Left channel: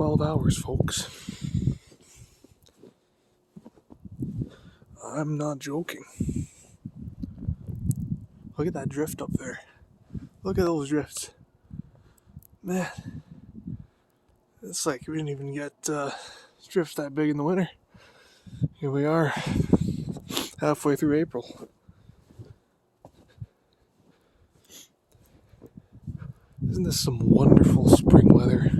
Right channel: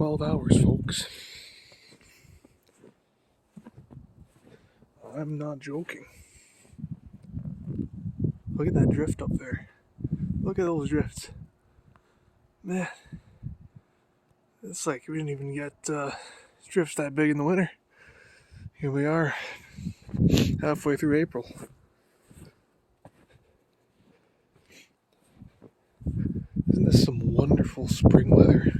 12 hours, folks. I'm not joking. Look at that drift up there. Look at those drifts. Man, it's like we didn't even get drifts that big in the winter. Here we are, halfway through April. Isn't this some wonderful spring weather?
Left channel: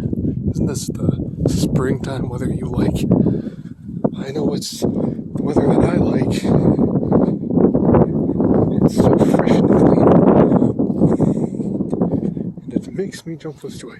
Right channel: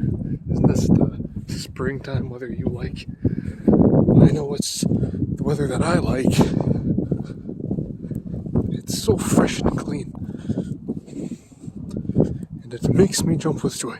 Isn't this the springtime weather you like? I know it's the weather that I like. It's so fresh and clean. And it makes me jump with joy.